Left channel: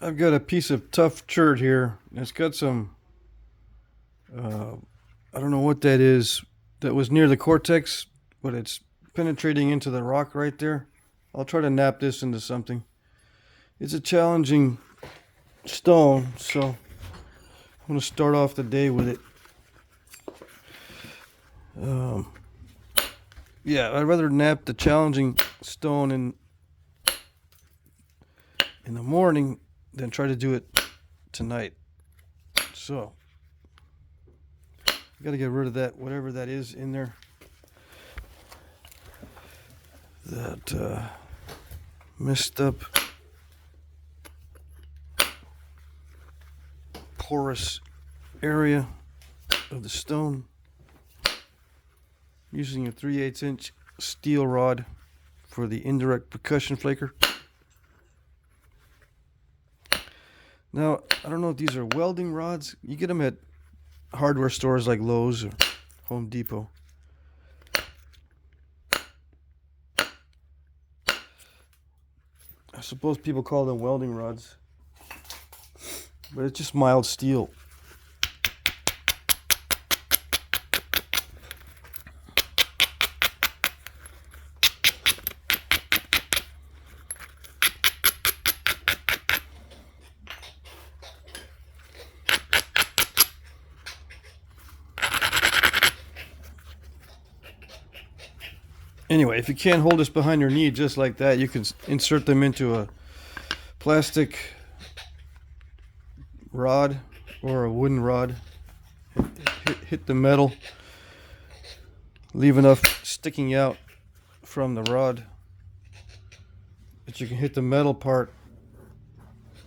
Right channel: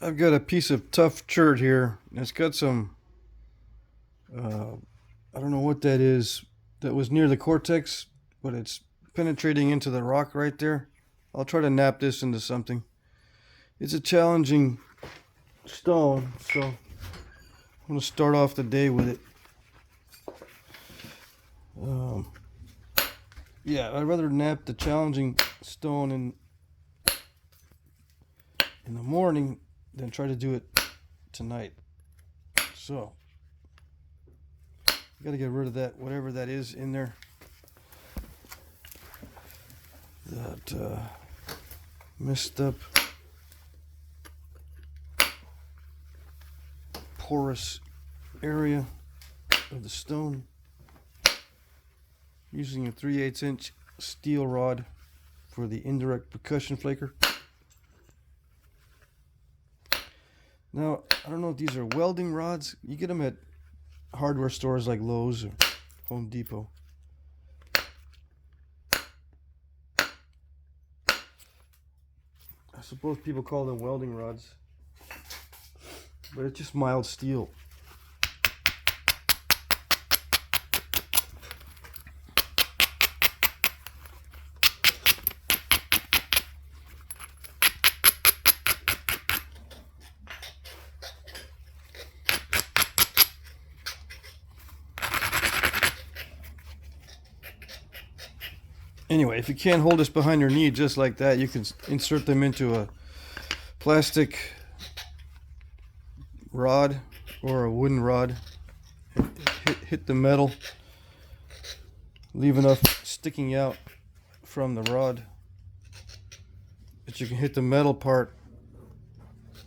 I've got a piece of tough chert here. It's got some, I don't know what that is. That was near the cortex, but it's penetrating into the rock right there. I'll try to nap this into something. It's a challenging stone, so I'm going to start off the day with it. Yeah, I'd rather nap the challenging stone in the morning than try to do it tonight. So, got to get rid of that, whatever that is in there. That messed up porous area of the stone. Using a 3/8 inch steel rod for the indirect percussion flaker. Now, I don't know if these are welding rods. You get them at hardware stores like Lowe's or Home Depot. I suppose people call them welding rods, but it's just mild steel. Anyway, if you can't hold this behind your knee just like that, you can insert them into a plastic rod or a wooden rod. Hit the metal. Leave enough sticking out from the rod that you can hit the metal part.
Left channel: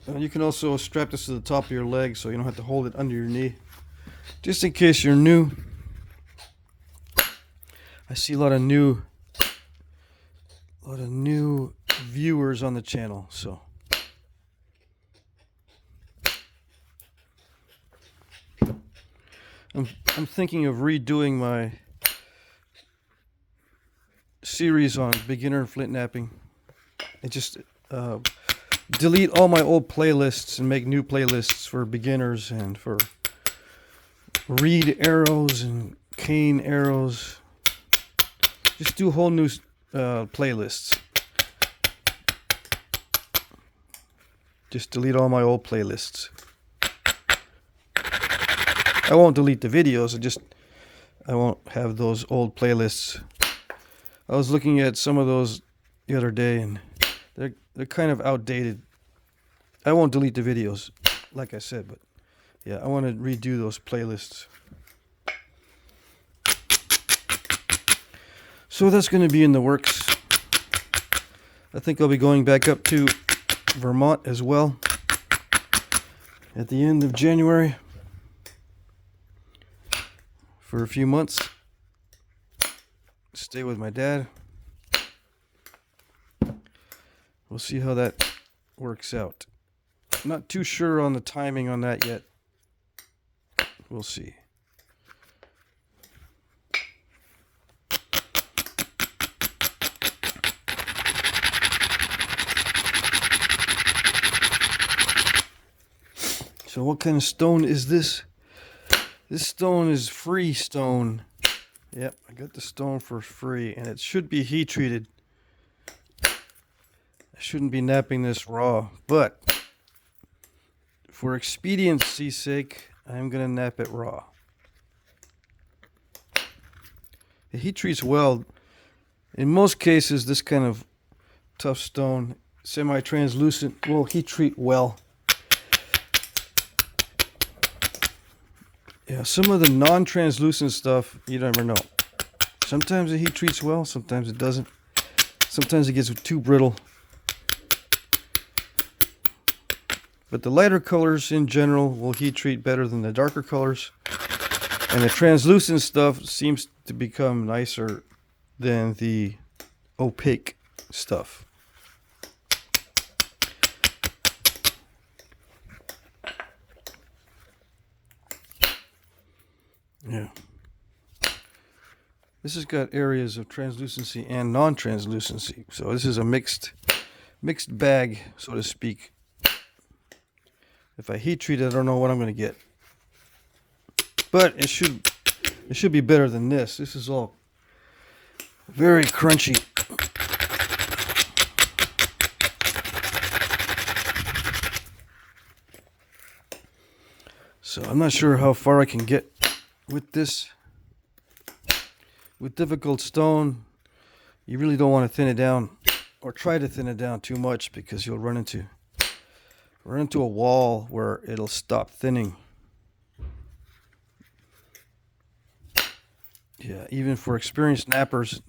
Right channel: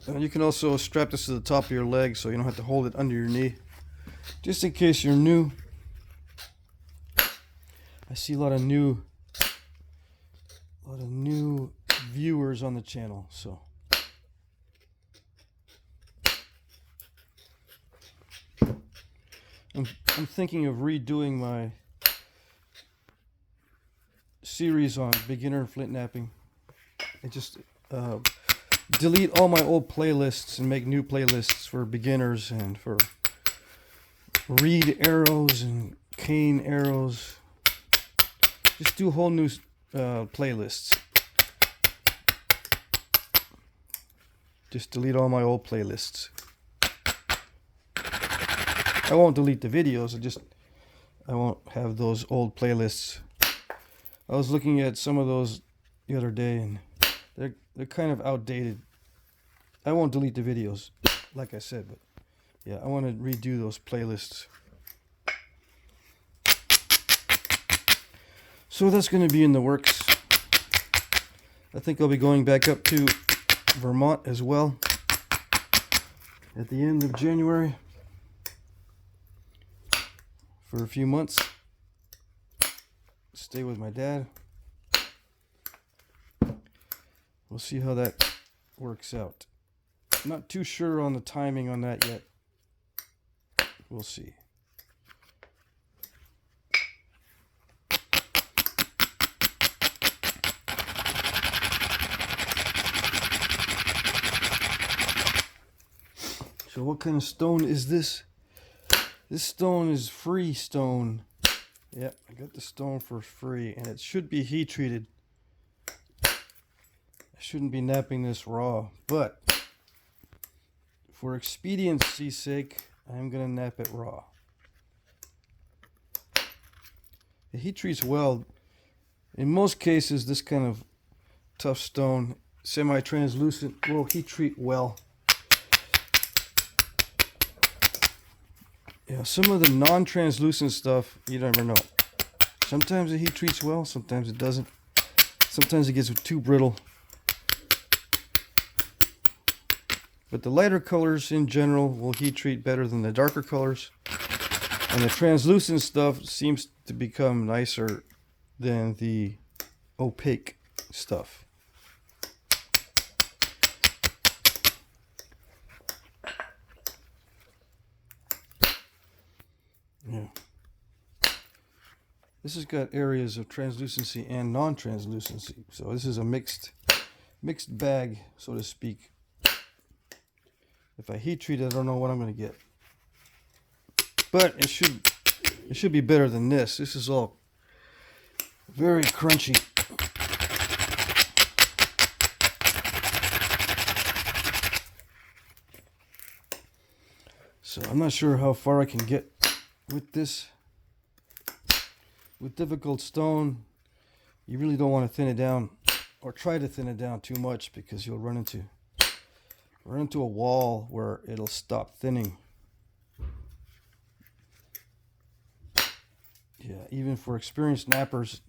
And you can also strap this to the top of your leg so you don't have to hold it under your knee. Just in case you're new. I see a lot of new viewers on the channel, so I'm thinking of redoing my series on beginner flint knapping and just delete all my old playlists and make new playlists for beginners and for reed arrows and cane arrows. Just do whole new playlists. Just delete all my old playlists. I won't delete the videos, I won't have those old playlists. I was looking at some of those the other day and they're kind of outdated. I won't delete the videos, like I said, but yeah, I want to redo those playlists. So that's going to be in the works. I think I'll be going back up to Vermont as well at the end of January for a few months. Stay with my dad. We'll see how that works out. I'm not too sure on the timing on that yet. We'll see. So what kind of stone is this? This stone is free stone. Yep, I got the stone for free, and it should be heat treated. I shouldn't be napping this raw, but for expediency's sake, I'm gonna nap it raw. The heat treats well. In most cases, this kind of tough stone, semi-translucent, will heat treat well. Yeah, some of the non-translucent stuff, you never know. Sometimes the heat treats well, sometimes it doesn't. Sometimes it gets too brittle. But the lighter colors in general will heat treat better than the darker colors. And the translucent stuff seems to become nicer than the opaque stuff. Yeah. This has got areas of translucency and non-translucency. So this is a mixed bag, so to speak. If I heat treat it, I don't know what I'm going to get. But it should be better than this. This is all very crunchy. So I'm not sure how far I can get with this. With difficult stone, you really don't want to thin it down or try to thin it down too much, because you'll run into a wall where it'll stop thinning. Yeah, even for experienced knappers,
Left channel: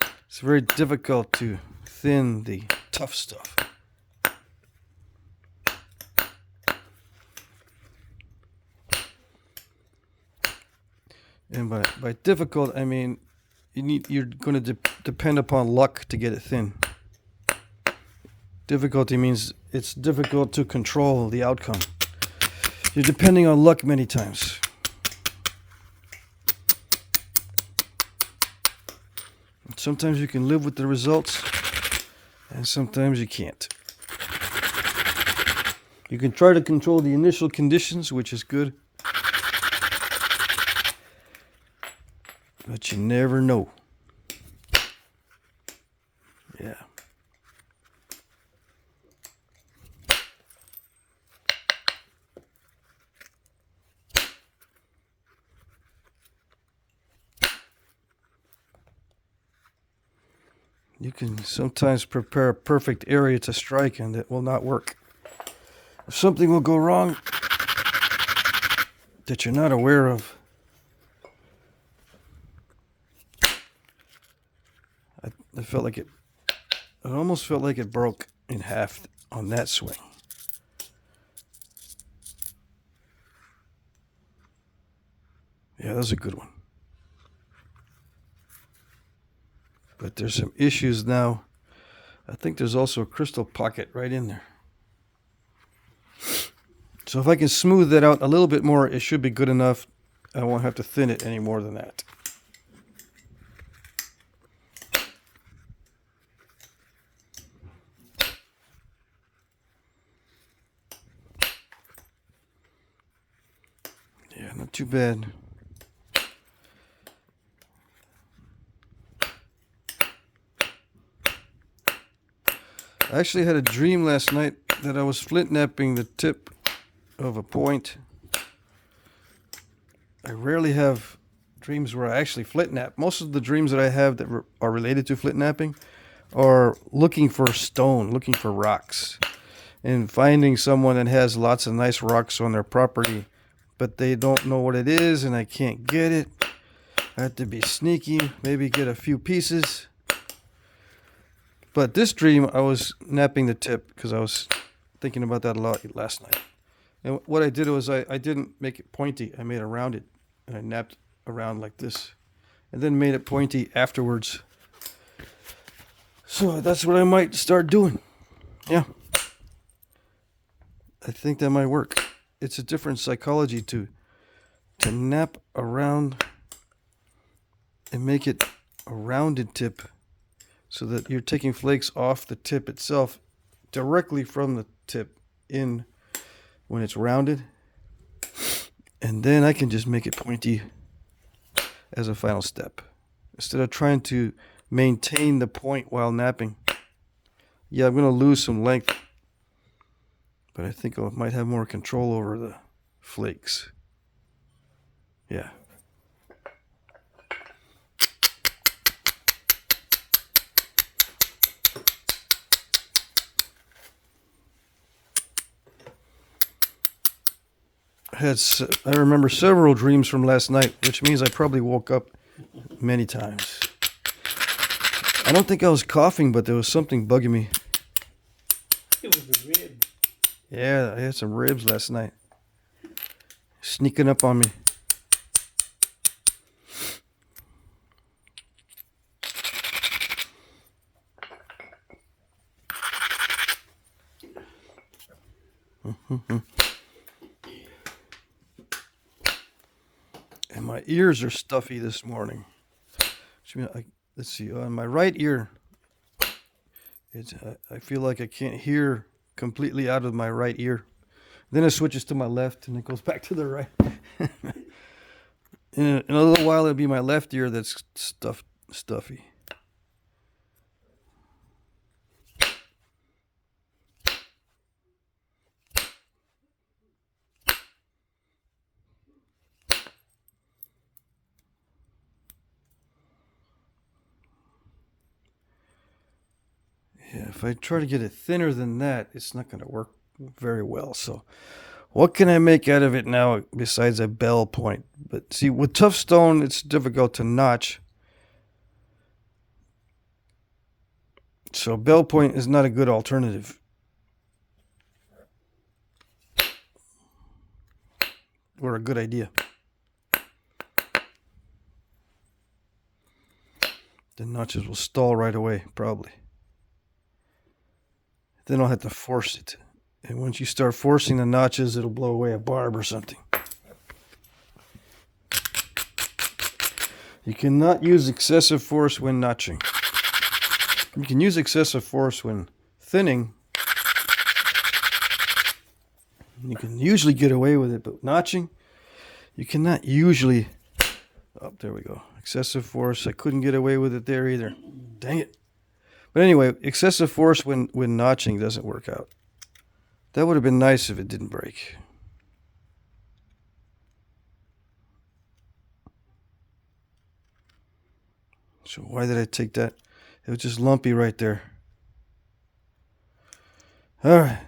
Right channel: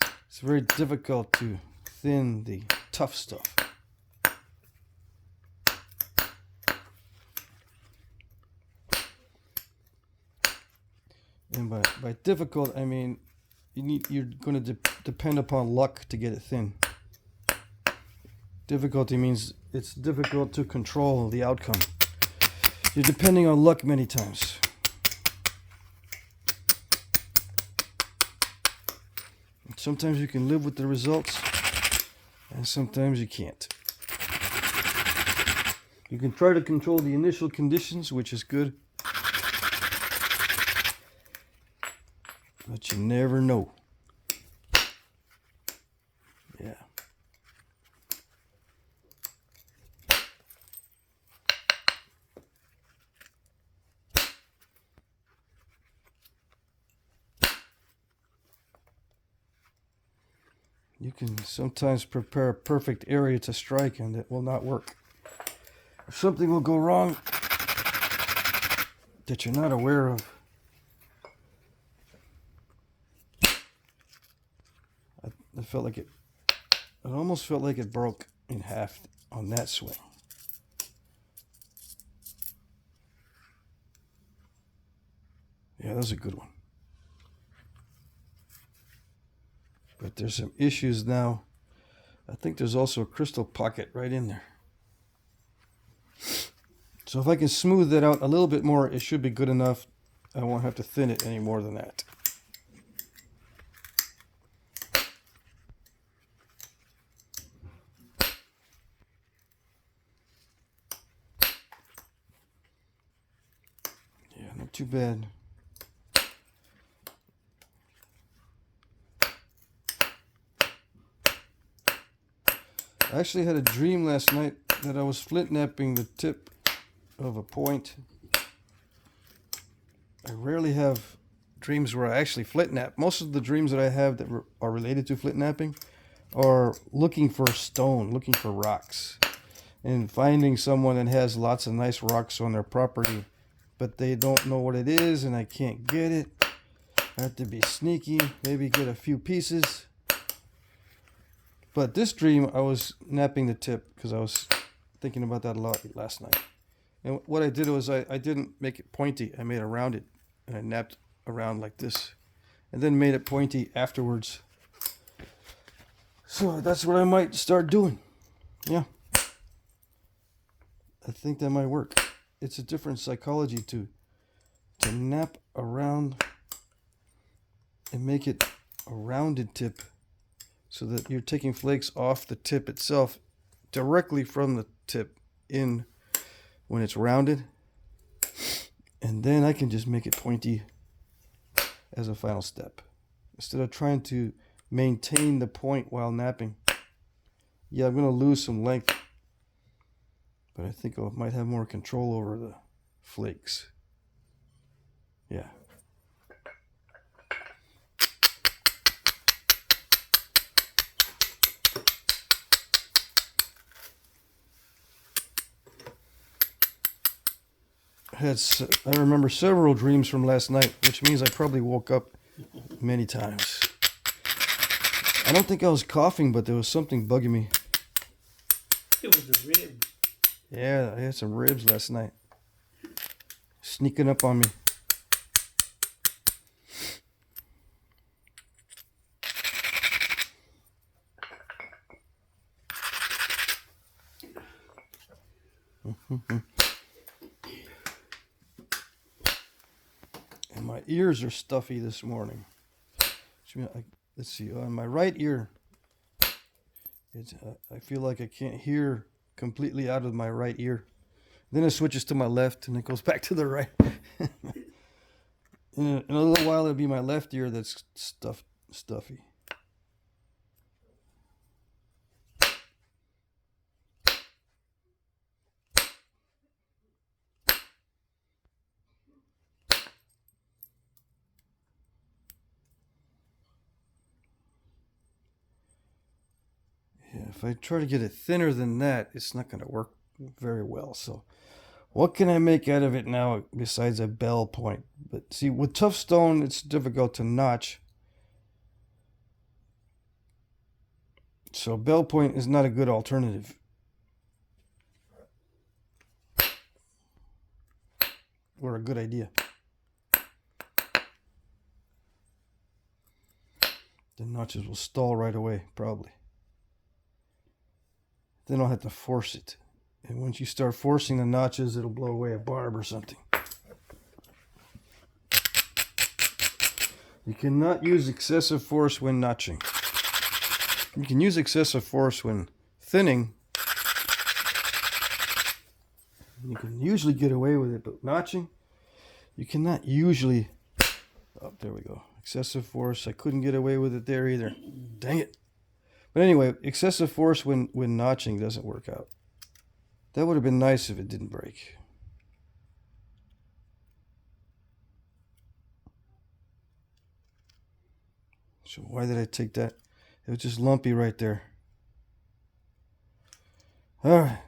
it's very difficult to thin the tough stuff. And by difficult, I mean you're going to depend upon luck to get it thin. Difficulty means it's difficult to control the outcome. You're depending on luck many times. Sometimes you can live with the results, and sometimes you can't. You can try to control the initial conditions, which is good. But you never know. Yeah. You can sometimes prepare a perfect area to strike, and it will not work. If something will go wrong that you're not aware of, I felt like it almost felt like it broke in half on that swing. Yeah, that was a good one. But there's some issues now. I think there's also a crystal pocket right in there. So if I can smooth that out a little bit more, it should be good enough. I won't have to thin it any more than that. Yeah, not too bad. I actually had a dream last night that I was flint knapping the tip of a point. I rarely have dreams where I actually flint knap. Most of the dreams that I have that are related to flint knapping are looking for stone, looking for rocks, and finding someone that has lots of nice rocks on their property, but they don't know what it is, and I can't get it. I have to be sneaky, maybe get a few pieces. But this dream, I was knapping the tip because I was thinking about that a lot last night. And what I did was I didn't make it pointy. I made it rounded, and I knapped around like this, and then made it pointy afterwards. So that's what I might start doing. Yeah. I think that might work. It's a different psychology to knap around and make it a rounded tip, so that you're taking flakes off the tip itself directly from the tip in when it's rounded. And then I can just make it pointy as a final step, instead of trying to maintain the point while knapping. Yeah, I'm going to lose some length, but I think I might have more control over the flakes. Yeah. I remember several dreams from last night, which means I probably woke up many times. I don't think I was coughing, but there was something bugging me. It was the rib. Yeah, I had some ribs last night. Sneaking up on me. And my ears are stuffy this morning. Let's see, on my right ear, I feel like I can't hear completely out of my right ear. Then it switches to my left and it goes back to the right. In a little while, it'll be my left ear that's stuffy. Yeah, if I try to get it thinner than that, it's not going to work very well. So what can I make out of it now besides a bell point? But see, with tough stone, it's difficult to notch. So bell point is not a good alternative. Or a good idea. The notches will stall right away, probably. Then I'll have to force it. And once you start forcing the notches, it'll blow away a barb or something. You cannot use excessive force when notching. You can use excessive force when thinning. You can usually get away with it, but notching, you cannot usually. Oh, there we go. Excessive force. I couldn't get away with it there either. Dang it. But anyway, excessive force when notching doesn't work out. That would have been nice if it didn't break. So why did I take that? It was just lumpy right there. All right.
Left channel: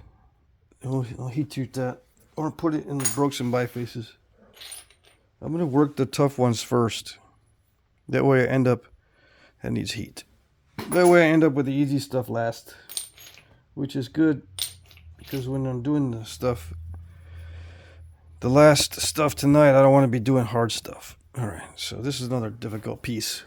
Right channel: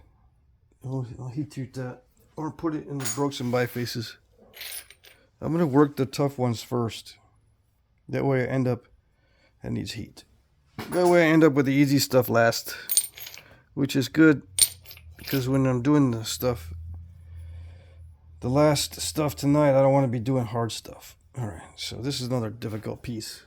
I'll heat treat that. Or put it in the broken and bifaces. I'm going to work the tough ones first. That way I end up... That needs heat. That way I end up with the easy stuff last. Which is good. Because when I'm doing the last stuff tonight, I don't want to be doing hard stuff. Alright, so this is another difficult piece.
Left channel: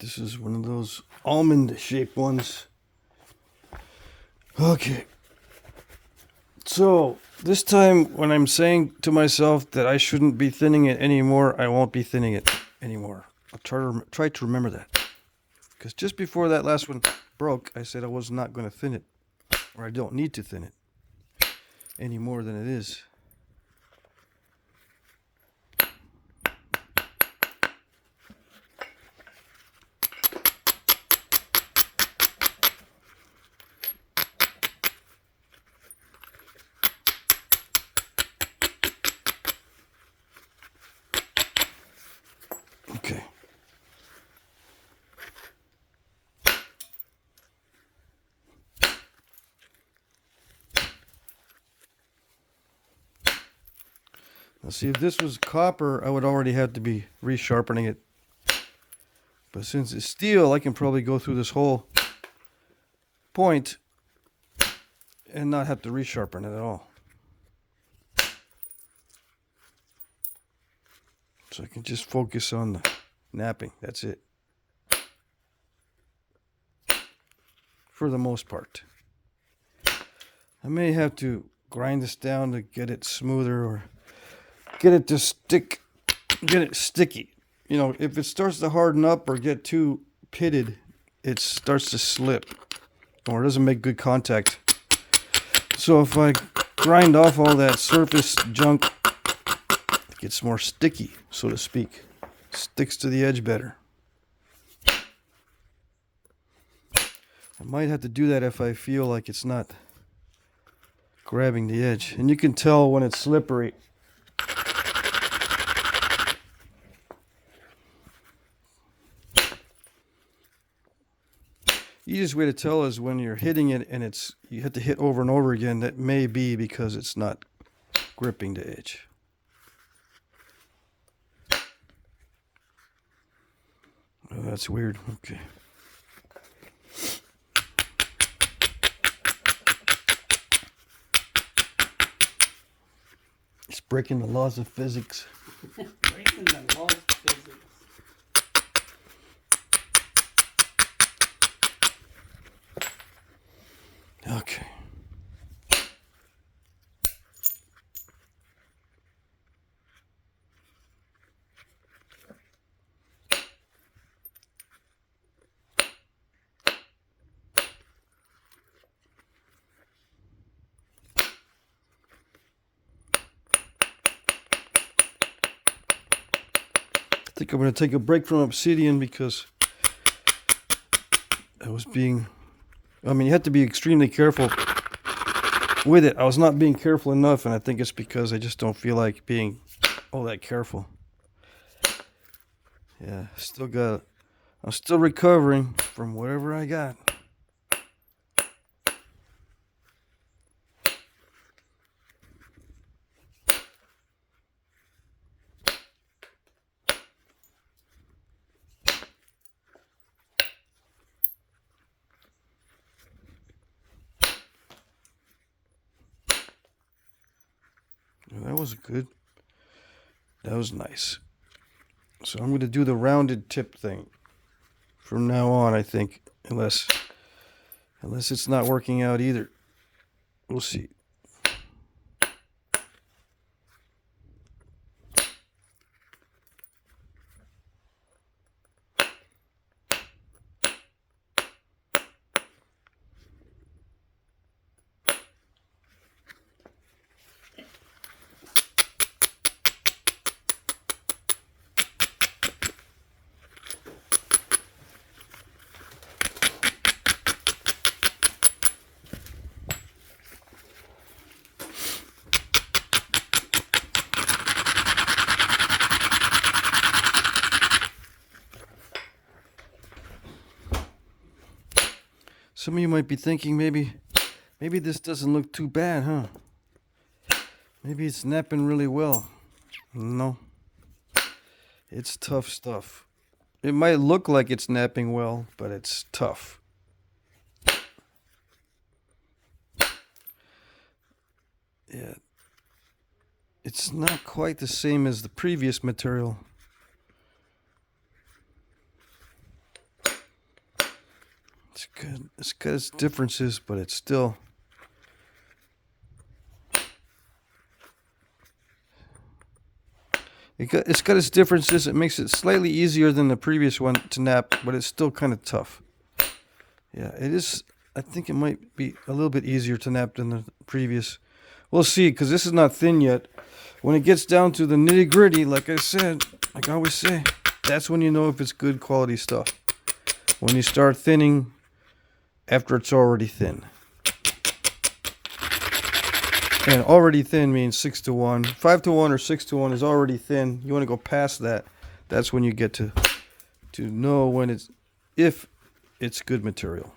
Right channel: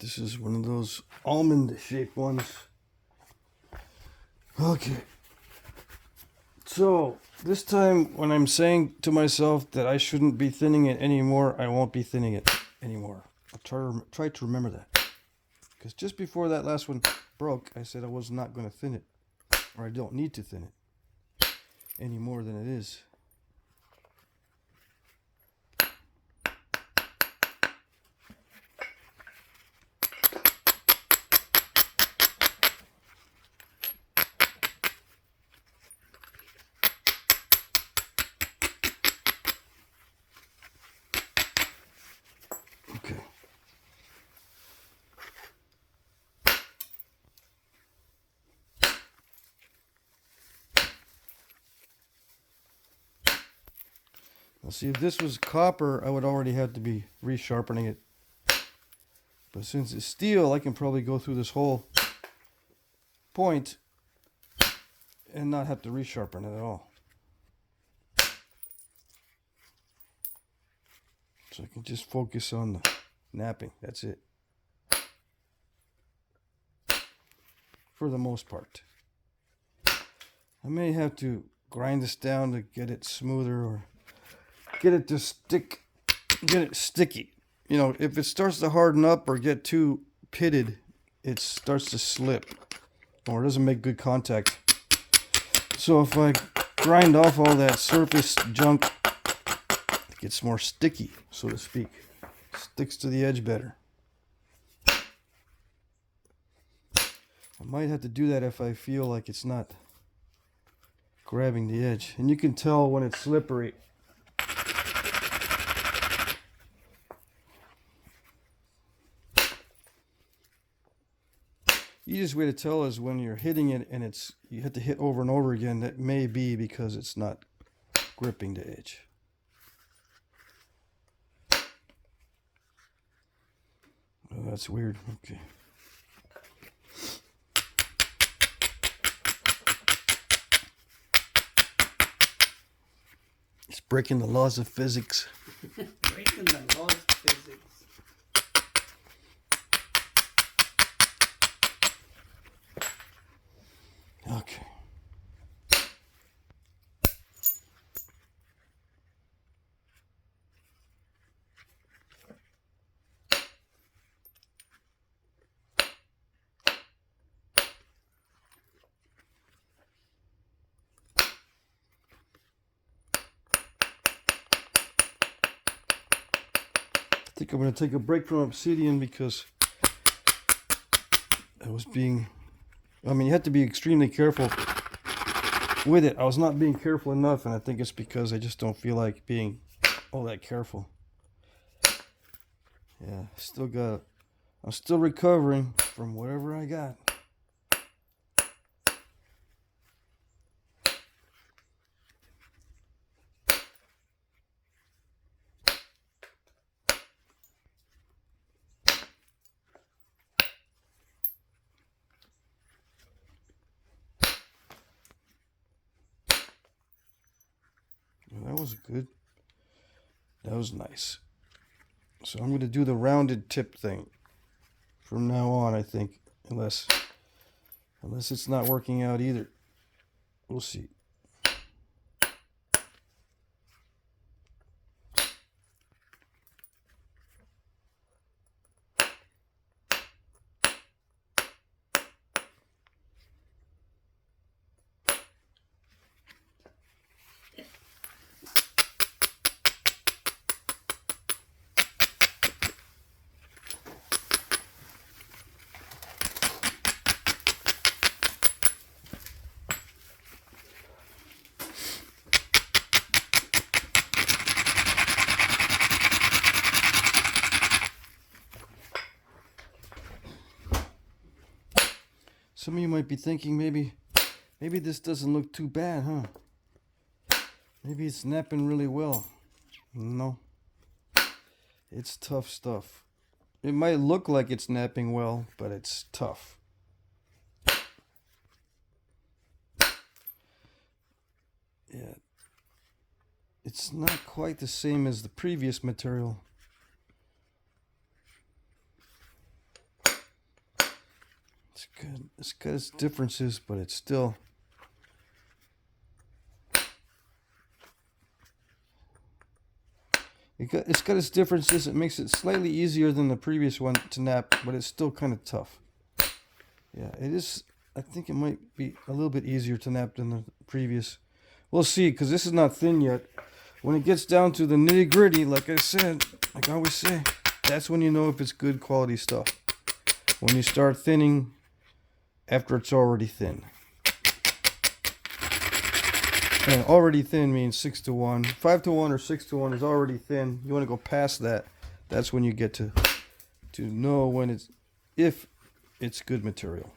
This is one of those almond-shaped ones. Okay. So, this time when I'm saying to myself that I shouldn't be thinning it anymore, I won't be thinning it anymore. I'll try to remember that. Because just before that last one broke, I said I was not going to thin it. Or I don't need to thin it any more than it is. Okay. Now see, if this was copper, I would already have to be resharpening it. But since it's steel, I can probably go through this whole point and not have to resharpen it at all. So I can just focus on the knapping. That's it. For the most part. I may have to grind this down to get it smoother or get it to stick, get it sticky. You know, if it starts to harden up or get too pitted, it starts to slip or it doesn't make good contact. So if I grind off all that surface junk, it gets more sticky, so to speak. Sticks to the edge better. I might have to do that if I feel like it's not grabbing the edge. And you can tell when it's slippery. Easiest way to tell is when you're hitting it and you have to hit over and over again. That may be because it's not gripping the edge. Oh, that's weird. Okay. It's breaking the laws of physics. Breaking the laws of physics. Okay. I think I'm going to take a break from Obsidian because I was being, I mean, you have to be extremely careful with it. I was not being careful enough, and I think it's because I just don't feel like being all that careful. Yeah, I'm still recovering from whatever I got. That was good. That was nice. So I'm going to do the rounded tip thing from now on, I think, unless it's not working out either. We'll see. Some of you might be thinking maybe this doesn't look too bad, huh? Maybe it's napping really well. No. It's tough stuff. It might look like it's napping well, but it's tough. Yeah. It's not quite the same as the previous material. It's good. It's got its differences, but it's still. It's got its differences. It makes it slightly easier than the previous one to nap, but it's still kind of tough. Yeah, it is. I think it might be a little bit easier to nap than the previous. We'll see, because this is not thin yet. When it gets down to the nitty gritty, like I said, like I always say, that's when you know if it's good quality stuff. When you start thinning after it's already thin. And already thin means 6-to-1. 5-to-1 or 6-to-1 is already thin. You want to go past that. That's when you get to know when if it's good material.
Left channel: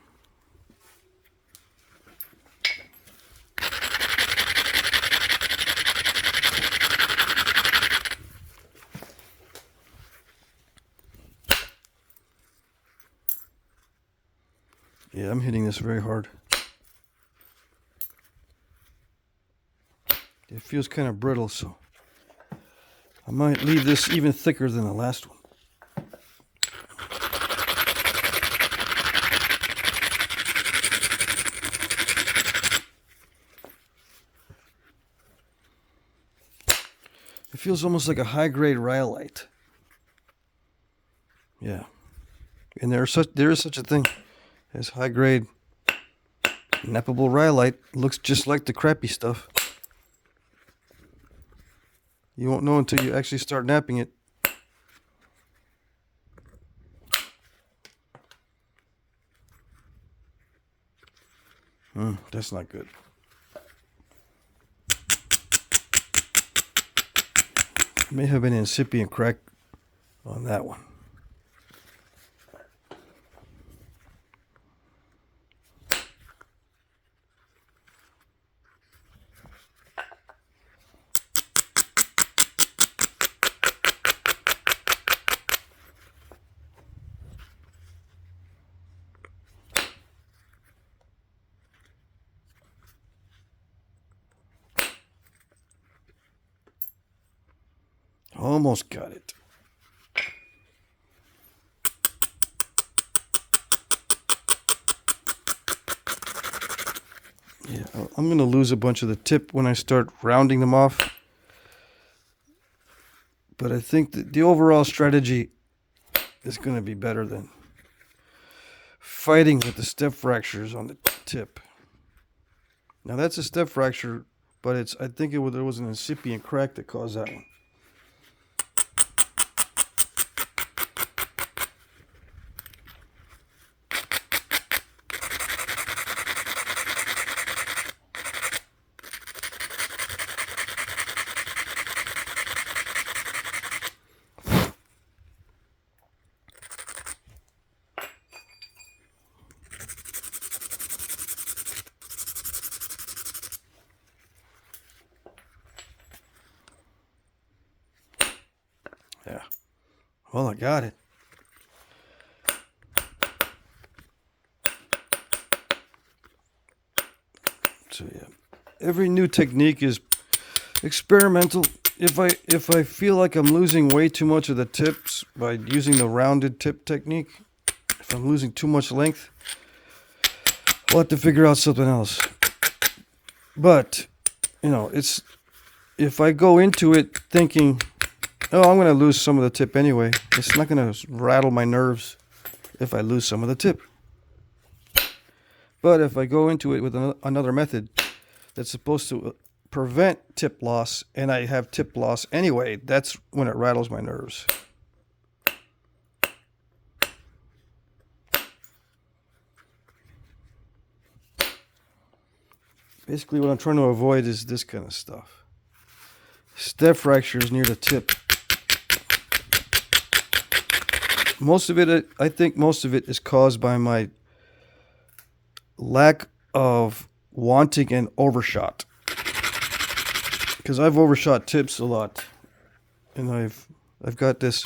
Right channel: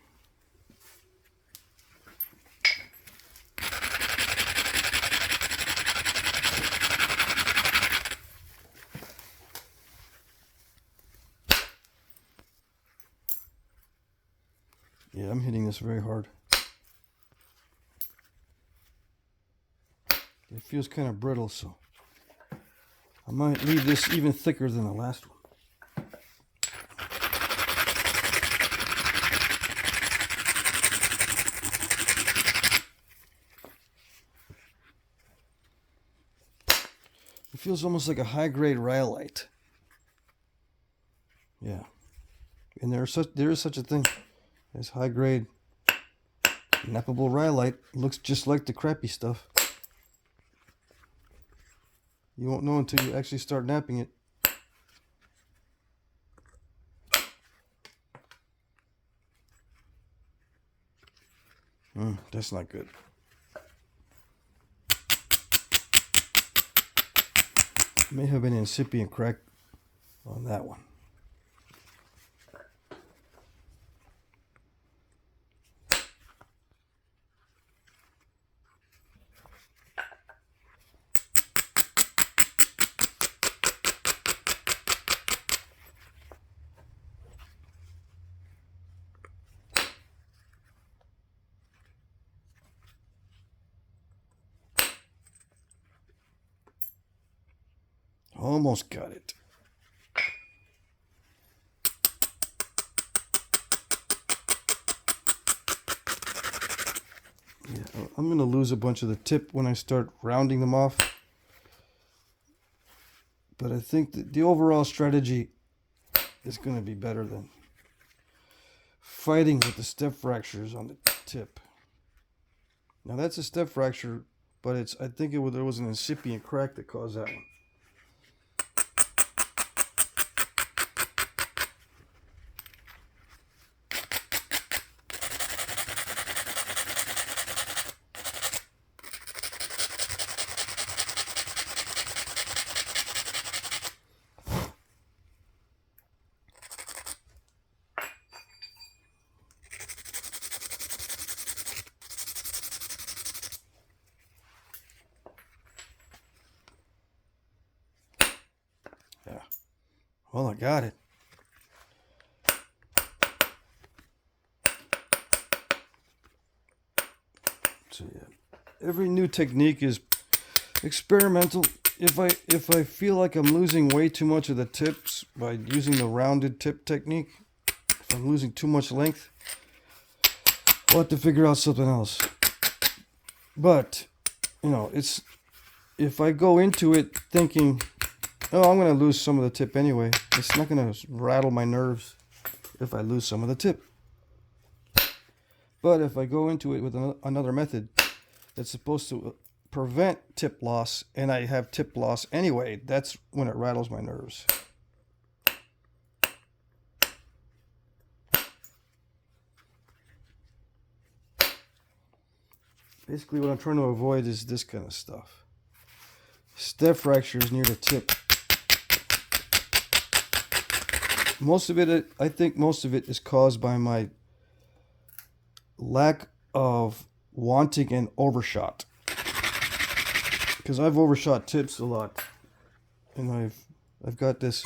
Yeah, I'm hitting this very hard. It feels kind of brittle, so I might leave this even thicker than the last one. It feels almost like a high-grade rhyolite. Yeah. And there is such a thing as high-grade nappable rhyolite. Looks just like the crappy stuff. You won't know until you actually start napping it. That's not good. May have been an incipient crack on that one. Almost got it. Yeah, I'm going to lose a bunch of the tip when I start rounding them off. But I think that the overall strategy is going to be better than fighting with the step fractures on the tip. Now that's a step fracture, but I think there was an incipient crack that caused that one. Yeah. Well, I got it. So yeah, every new technique is experimental. If I feel like I'm losing way too much of the tips by using the rounded tip technique, if I'm losing too much length, I'll have to figure out something else. But, if I go into it thinking, oh, I'm going to lose some of the tip anyway, it's not going to rattle my nerves if I lose some of the tip. But if I go into it with another method that's supposed to prevent tip loss, and I have tip loss anyway, that's when it rattles my nerves. Basically, what I'm trying to avoid is this kind of stuff. Step fractures near the tip. I think most of it is caused by my lack of wanting an overshot. Because I've overshot tips a lot. And I've got this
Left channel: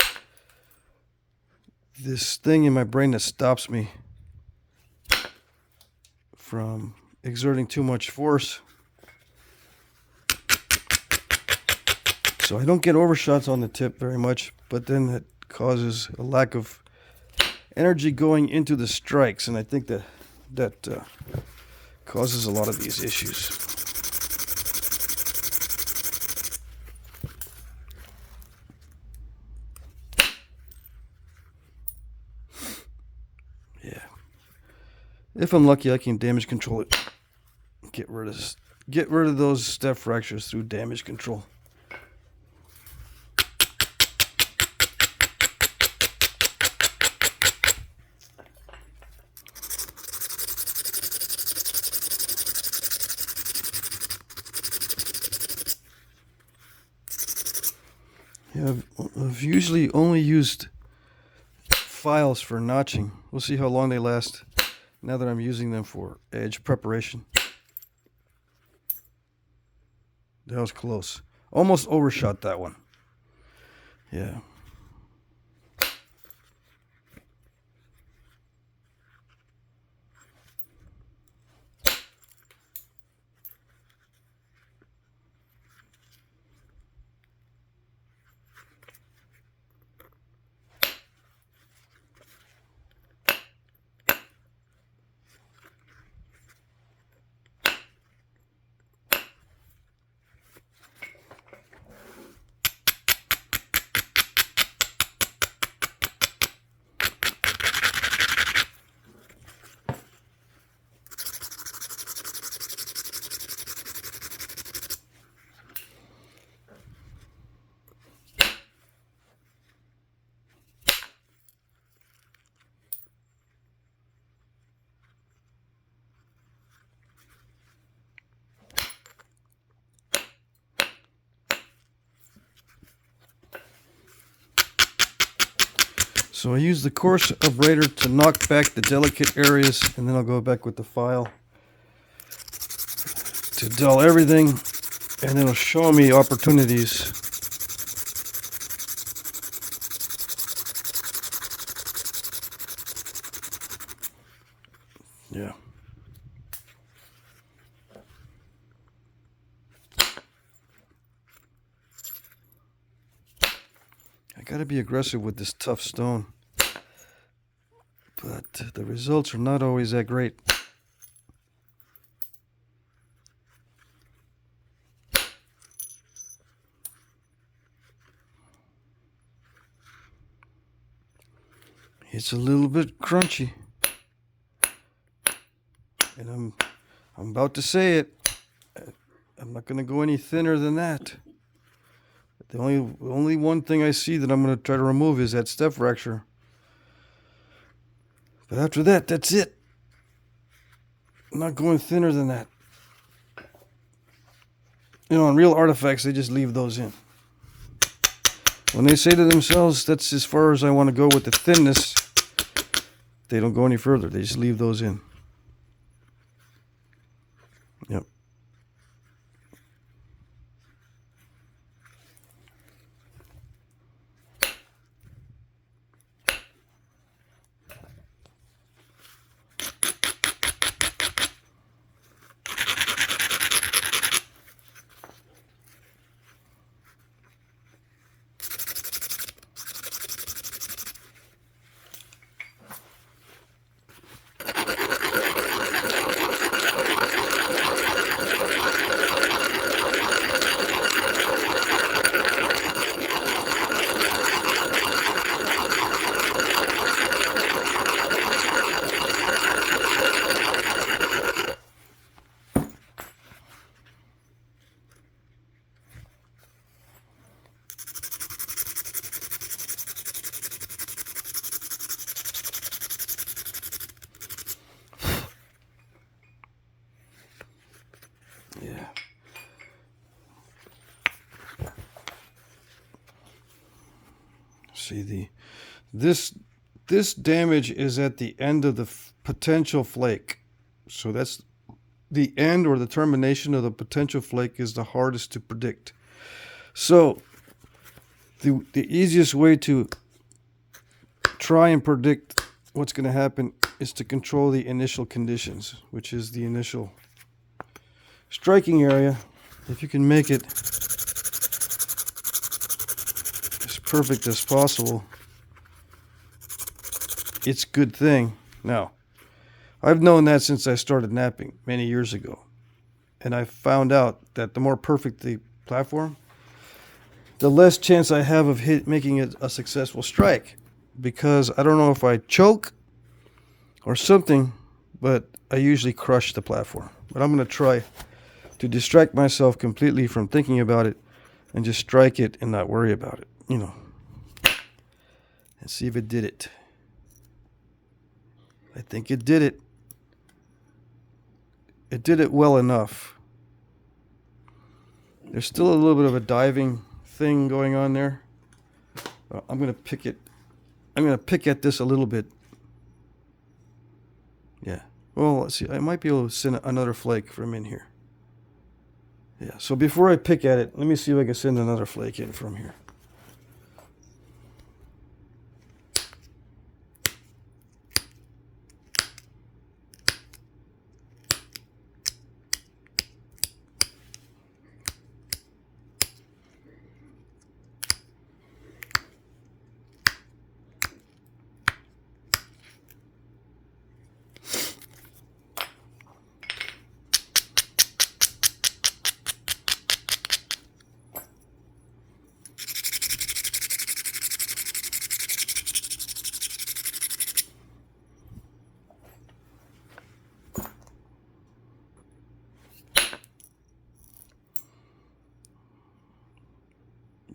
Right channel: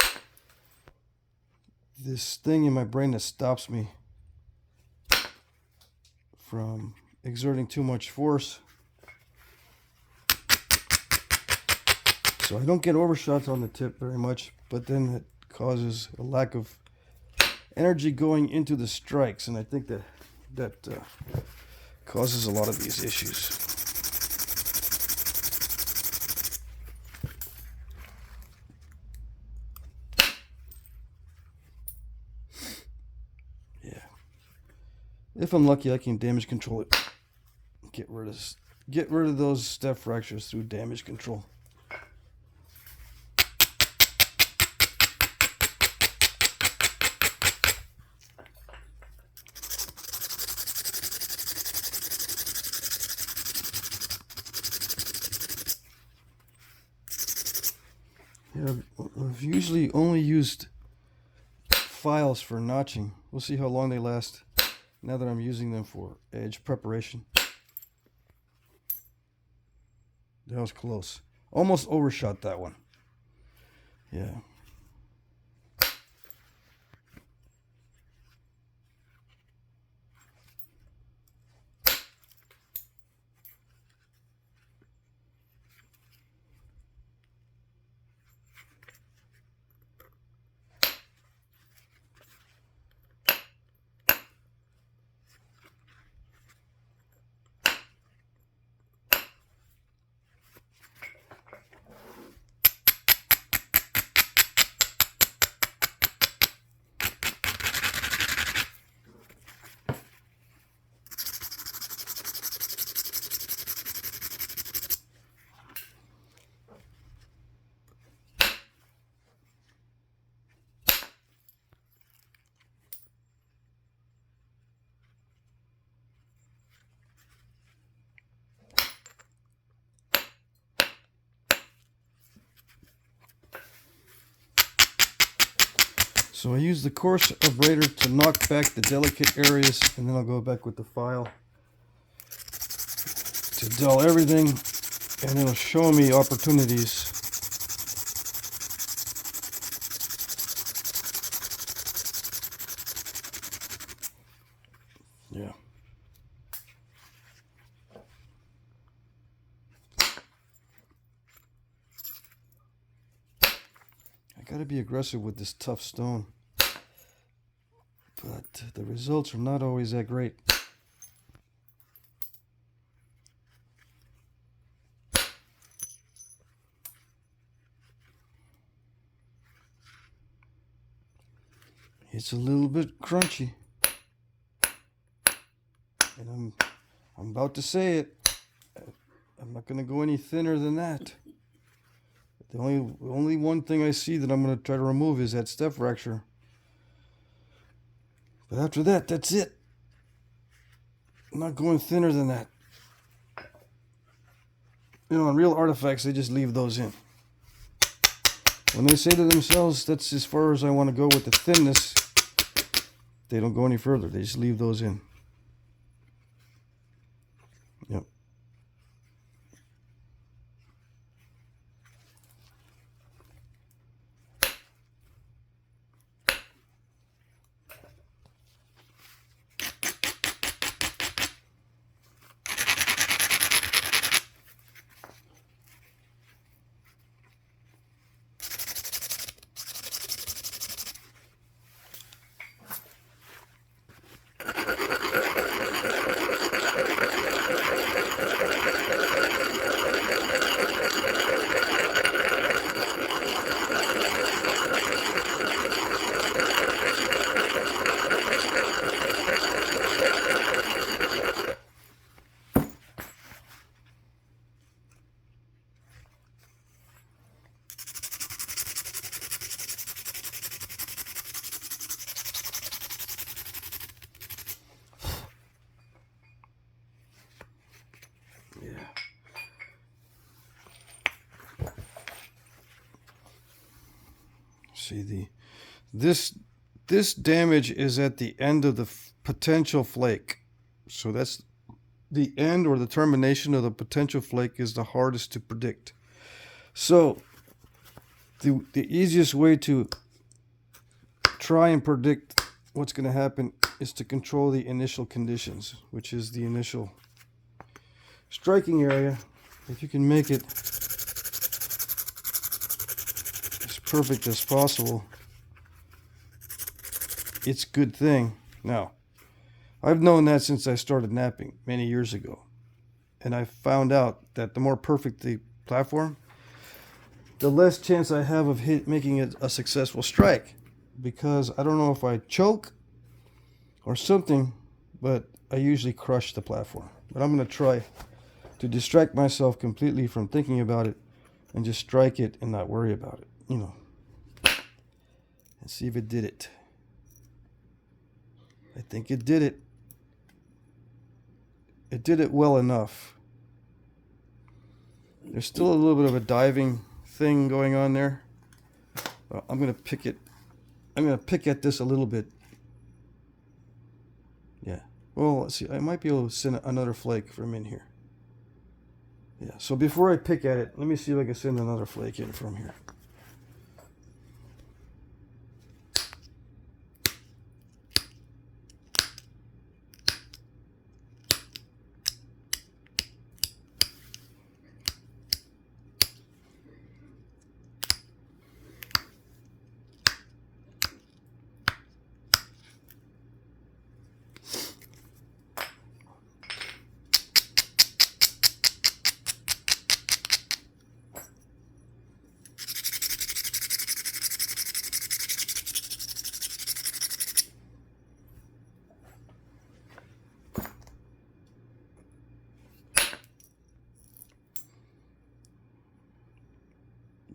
thing in my brain that stops me from exerting too much force. So I don't get overshots on the tip very much, but then it causes a lack of energy going into the strikes, and I think that causes a lot of these issues. Yeah. If I'm lucky, I can damage control it. Get rid of those step fractures through damage control. Yeah, I've usually only used files for notching. We'll see how long they last now that I'm using them for edge preparation. That was close. Almost overshot that one. Yeah. So I use the coarse abrader to knock back the delicate areas, and then I'll go back with the file to dull everything, and it'll show me opportunities. Yeah. Gotta be aggressive with this tough stone. But the results are not always that great. It's a little bit crunchy. And I'm about to say it. I'm not going to go any thinner than that. The only one thing I see that I'm going to try to remove is that step fracture. But after that, that's it. I'm not going thinner than that. You know, in real artifacts, they just leave those in. When they say to themselves, that's as far as I want to go with the thinness, they don't go any further. They just leave those in. Yep. See, this damage is at the end of the potential flake. So that's the end or the termination of the potential flake is the hardest to predict. So the easiest way to try and predict what's going to happen is to control the initial conditions, which is the initial striking area. If you can make it perfect as possible, it's a good thing. Now, I've known that since I started knapping many years ago, and I found out that the more perfect the platform, the less chance I have of making it a successful strike, because I don't know if I choke or something, but I usually crush the platform. But I'm going to try to distract myself completely from thinking about it and just strike it and not worry about it, you know. And see if it did it. I think it did it. It did it well enough. There's still a little bit of a diving thing going on there. I'm going to pick it. I'm going to pick at this a little bit. Yeah. Well, let's see. I might be able to send another flake from in here. Yeah. So before I pick at it, let me see if I can send another flake in from here.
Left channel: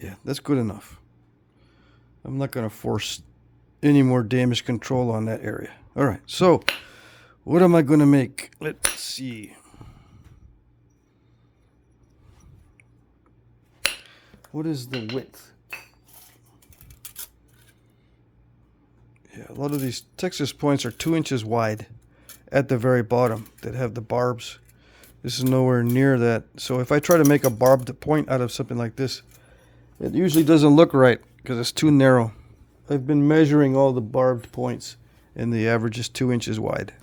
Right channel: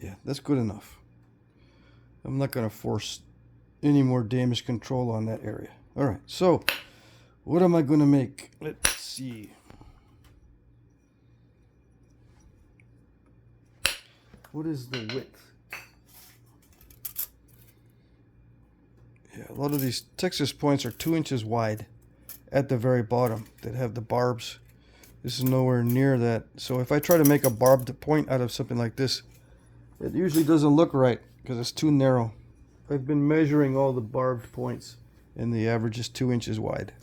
Yeah, that's good enough. I'm not going to force any more damage control on that area. All right, so what am I going to make? Let's see. What is the width? Yeah, a lot of these Texas points are 2 inches wide at the very bottom that have the barbs. This is nowhere near that. So if I try to make a barbed point out of something like this, it usually doesn't look right because it's too narrow. I've been measuring all the barbed points, and the average is 2 inches wide.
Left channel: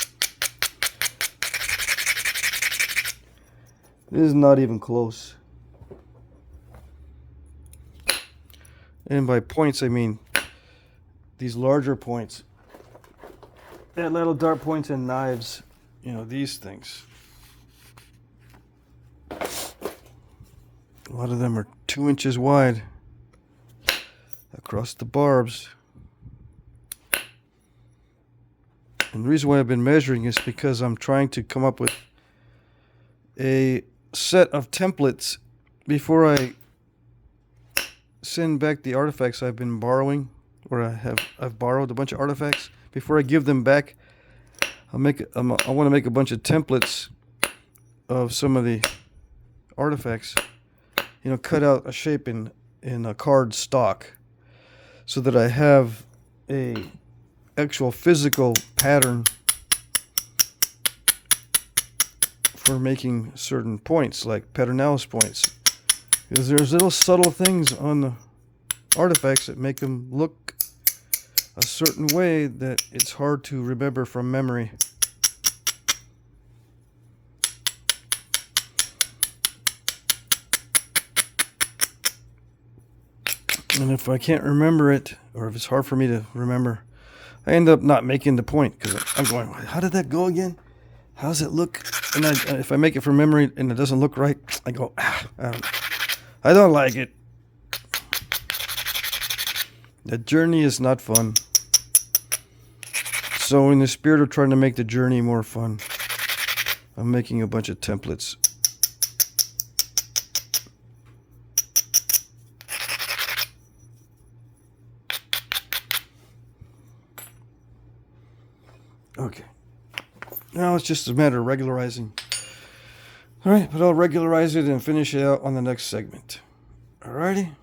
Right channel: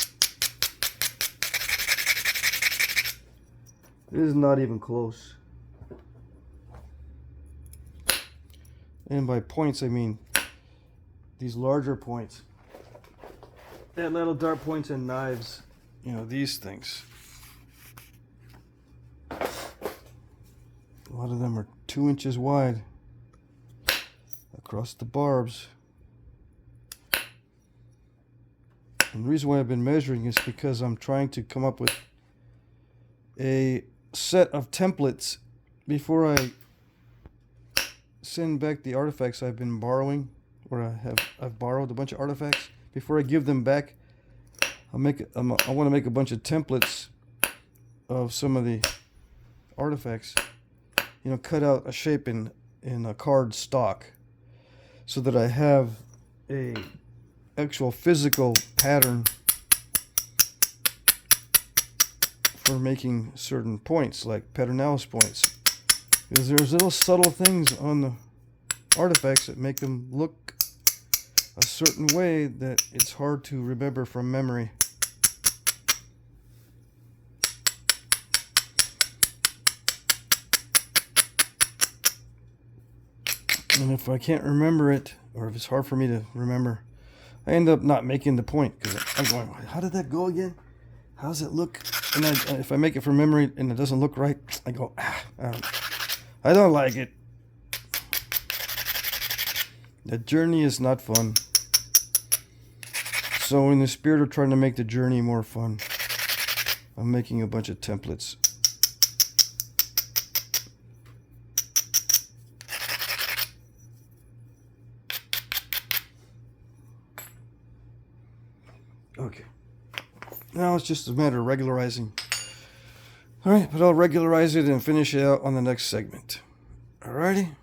This is not even close. And by points, I mean these larger points. And little dart points and knives, you know, these things. A lot of them are 2 inches wide across the barbs. And the reason why I've been measuring is because I'm trying to come up with a set of templates before I send back the artifacts I've been borrowing, or I've borrowed a bunch of artifacts. Before I give them back, I want to make a bunch of templates of some of the artifacts. You know, cut out a shape in a card stock, so that I have a actual physical pattern for making certain points, like Pedernales points. Because there's little subtle things on the artifacts that make them look a certain way that it's hard to remember from memory. And if I can't remember it, or if it's hard for me to remember, I end up not making the point, because I'm going, how did that go again? How does it look? And if I make it from memory and it doesn't look right, I go, I don't like it. The journey is not fun. So in the spirit of trying to make the journey more fun, I'm making a bunch of templates. Okay. Now it's just a matter of regularizing. Alright, but I'll regularize it and finish it out on the next segment. Alrighty?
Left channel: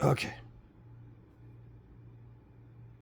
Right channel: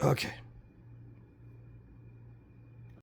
Okay.